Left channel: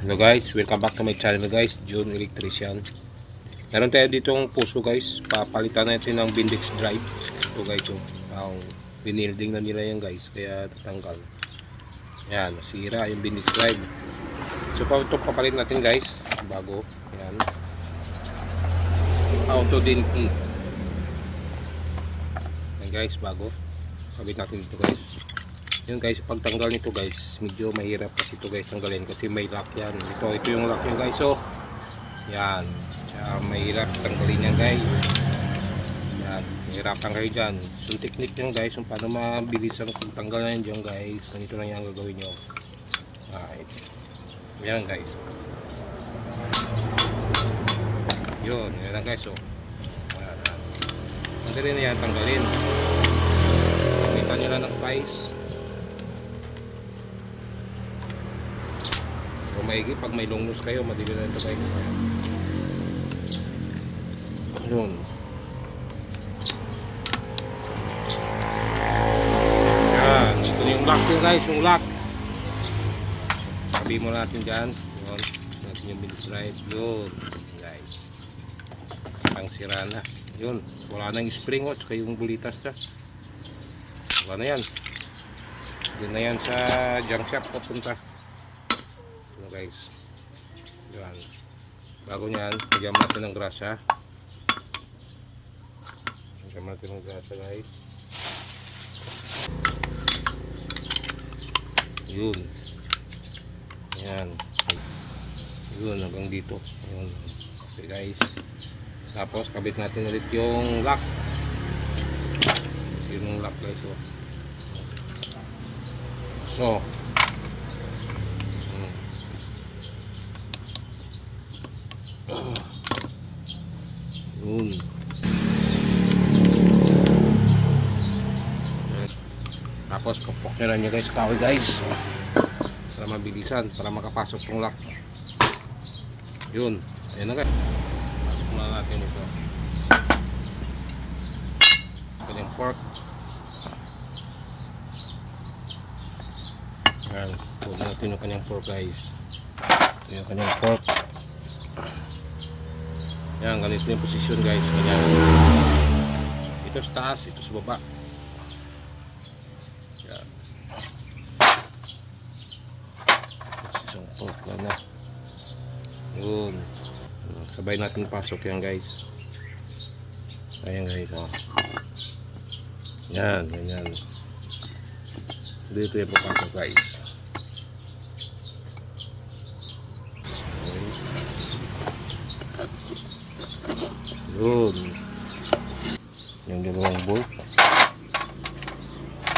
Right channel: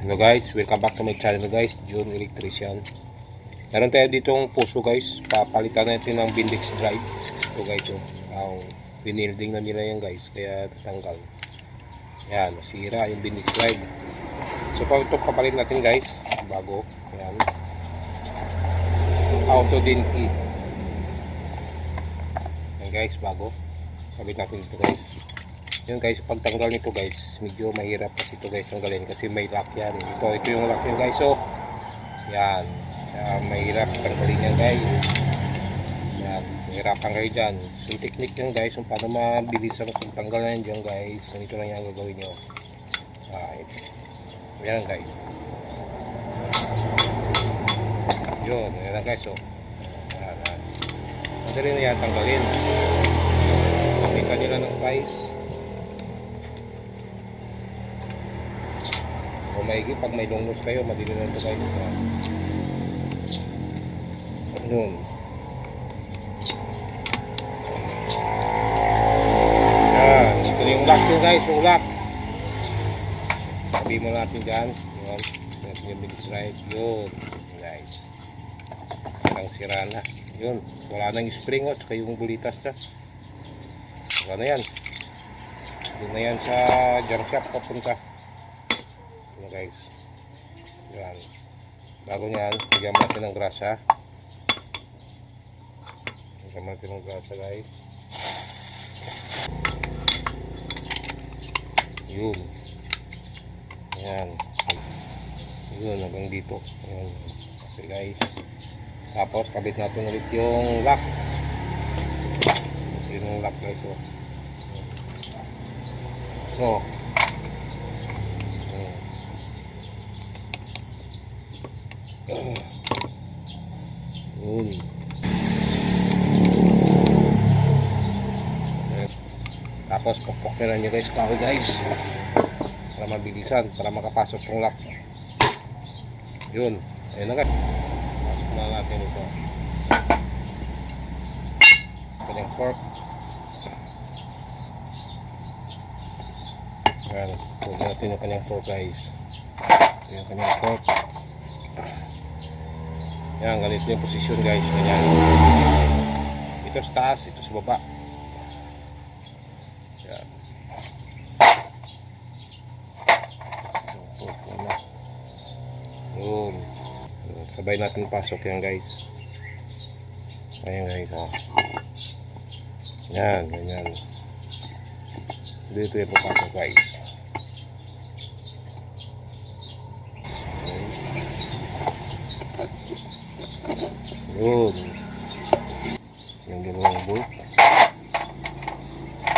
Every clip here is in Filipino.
Hello guys, welcome back to my channel guys, June Electrician. Meron tayo ditong puso guys, papalitan natin ng Bendix drive. Ito guys, binilding na nila yan guys, kaya tatanggal. Yan, nasira yung Bendix drive. So ito papalit natin guys, bago. Yan, auto din key. Yan guys, bago. Kabit natin ito guys. Yun guys, pagtanggal nito guys, medyo mahirap kasi ito guys tanggalin kasi may lock yan. Ito yung lock nyo guys. So, yan. Mahirap tanggalin yan guys. Yan. Mahirapan kayo dyan. So, technique nyo guys, kung paano mabilis ang pagtanggal na yan dyan guys. Ganito lang yung gagawin nyo. Right. Yan guys. Yun. Yan lang guys. So, yan. Madali na yan tanggalin. Kapitan nyo lang ng guys. O maigi, pag may long nose kayo, madili na ito kayo. Yun. Yan. Ito yung lock nyo guys, yung lock. Sabi mo natin dyan. Yun. Natin yung Bendix drive. Yun. Guys. Silang sira na. Yun. Wala nang spring o, tsaka yung bulitas na. Wala na yan. Yun na yan sa junk shop papunta. Guys, yan. Bago nyan, lagyan natin ng grasa. Lagyan natin ng grasa guys. Yun. Yan. Yun, hanggang dito. Yun. Okay guys. Tapos kabit natin ulit yung lock. Yung lock guys. So yun. Tapos kapok nyo lang nyo guys, kahoy guys, para mabilisan, para makapasok tong lock. Yun, ayun na guys. Pasok na natin ito. Kanyang fork. Yan, huwag natin yung kanyang fork guys. Yung kanyang fork. Yan, ganito yung posisyon guys. Yan. Ito sa taas, ito sa baba. Yan. Yan na. Yun. Sabay natin pasok yan guys. Ayan guys. Oh. Yan, ganyan. Dito yung papasok guys. Yun. Yung dalawang bolt.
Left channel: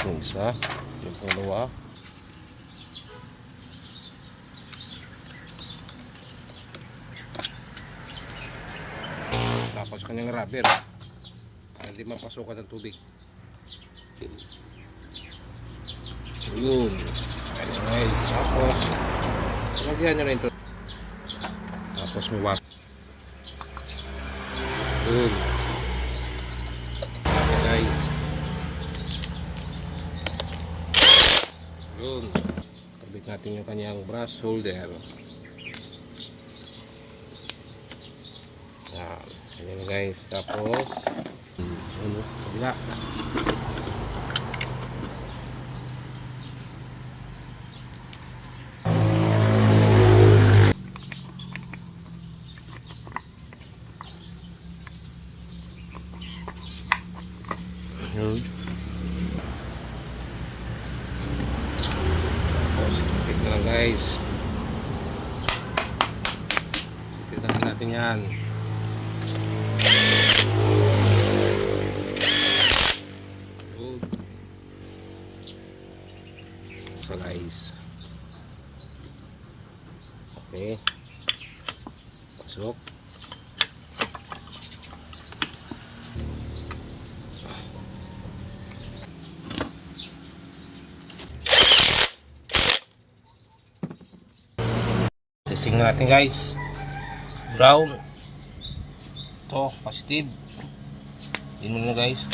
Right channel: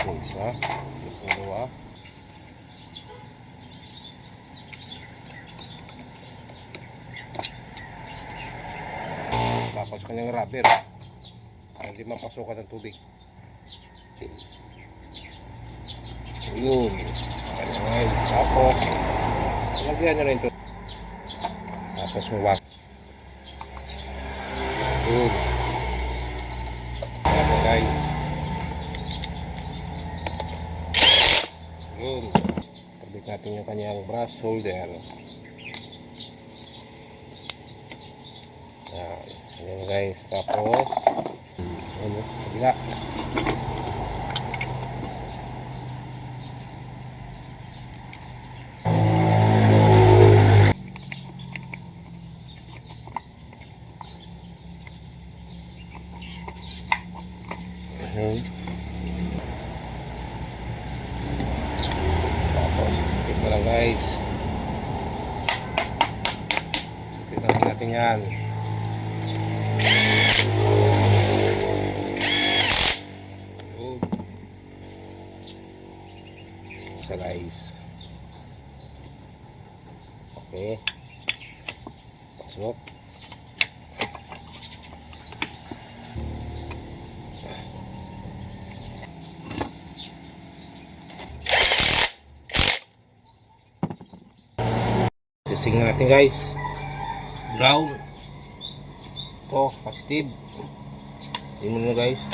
Yung isa. Yung dalawa. Tapos kanyang rubber. Hindi mapasukan ng tubig. Yun. Tapos lagyan nyo na ito. Tapos may wax. Yun. Okay guys. Yun. Kabit natin yung kanyang brass holder. Ayan guys. Tapos ano? Kabila. Yun. Tapos ipit na lang guys. Ipit na lang natin yan. Yun. So guys, okay, pasok. Sising natin guys, brown, ito positive, yun na guys.